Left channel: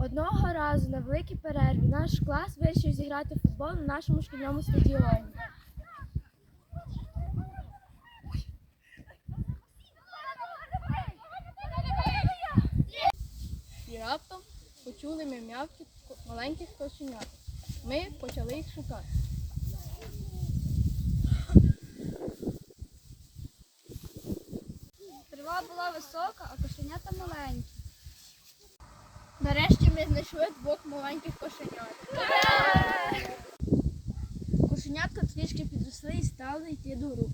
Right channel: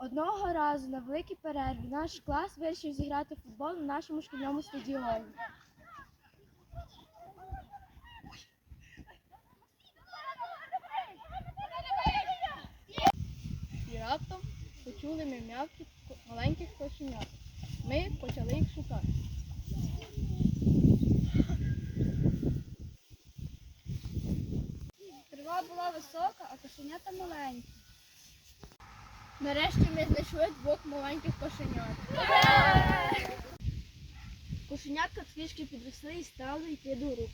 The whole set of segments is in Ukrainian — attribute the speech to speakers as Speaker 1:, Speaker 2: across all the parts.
Speaker 1: Одного разу на великій перерві наш клас вирішив зіграти в футбол на нашому шкільному стадіоні.
Speaker 2: І раптом почули ми м'явки маленьких кошенят. Ми почали їх шукати.
Speaker 1: Трава була висока, а кошенята маленькі.
Speaker 2: Нарешті ми знайшли двох маленьких кошенят.
Speaker 1: Кошенятка трішки підросли і стали йти до рук.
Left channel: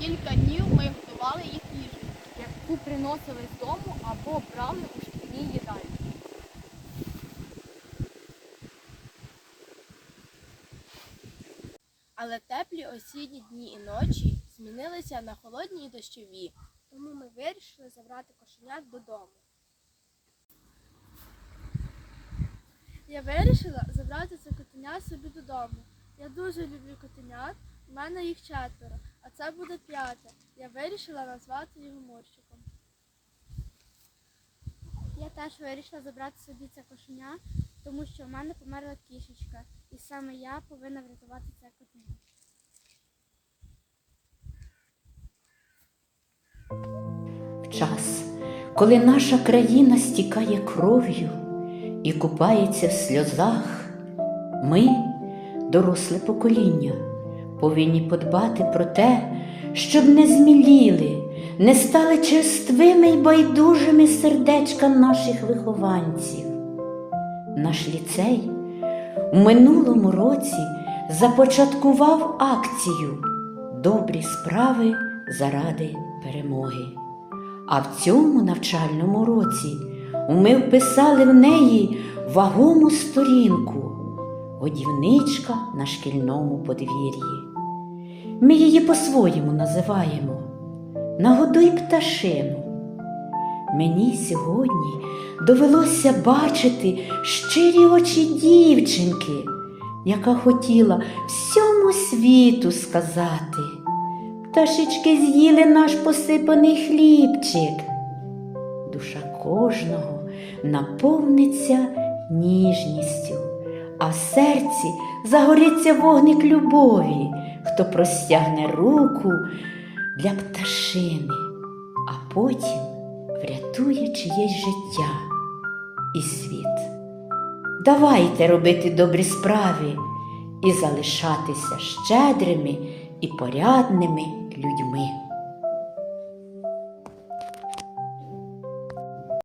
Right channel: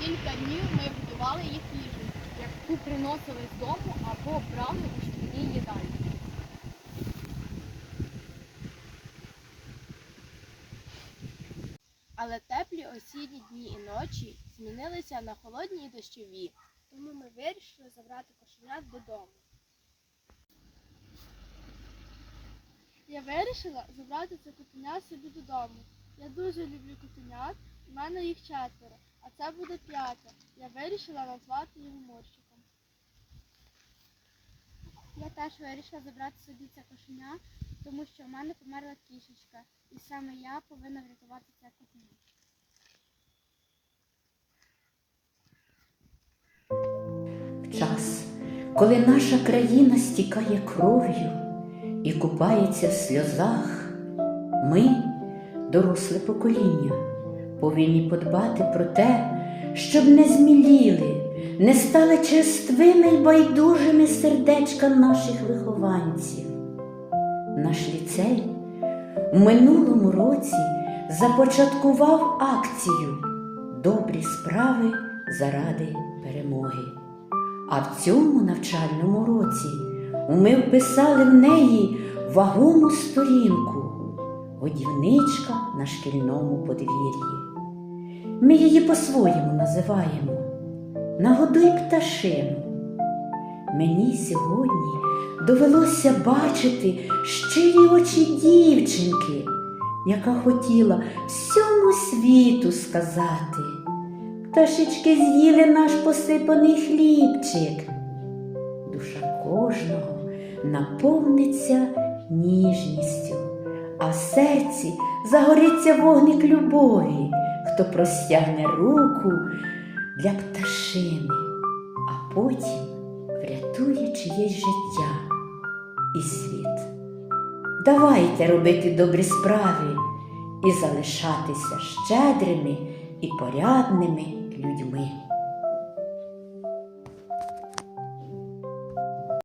Speaker 2: Кілька днів ми готували їх їжу, яку приносили з дому або брали у шкільній їдальні. Але теплі осінні дні і ночі змінилися на холодні і дощові.
Speaker 1: Тому ми вирішили забрати кошенят додому. Я вирішила забрати це котеня собі додому. Я дуже люблю котенят, у мене їх четверо, а це буде п'яте. Я вирішила назвати його Мурчиком. Я теж вирішила забрати собі це кошеня, тому що в мене померла кішечка, і саме я повинна врятувати це котеня.
Speaker 3: В час, коли наша країна стікає кров'ю і купається в сльозах, ми, доросле покоління, повинні подбати про те, щоб не зміліли, не стали черствими й байдужими сердечка наших вихованців. Наш ліцей у минулому році започаткував акцію Добрі справи заради перемоги. А в цьому навчальному році ми вписали в неї вагому сторінку годівничка на шкільному подвір'ї. Ми її по-своєму називаємо Нагодуй пташину. Мені сьогодні довелося бачити щирі очі дівчинки, яка хотіла всьому світу сказати. Пташечки з'їли наш посипаний хлібчик. Душа кожного наповниться ніжністю, а в серці загориться вогник любові, хто простягне руку для пташини, а потім врятує чиєсь життя і світ. Давайте робити добрі справи і залишатися щедрими і порядними людьми.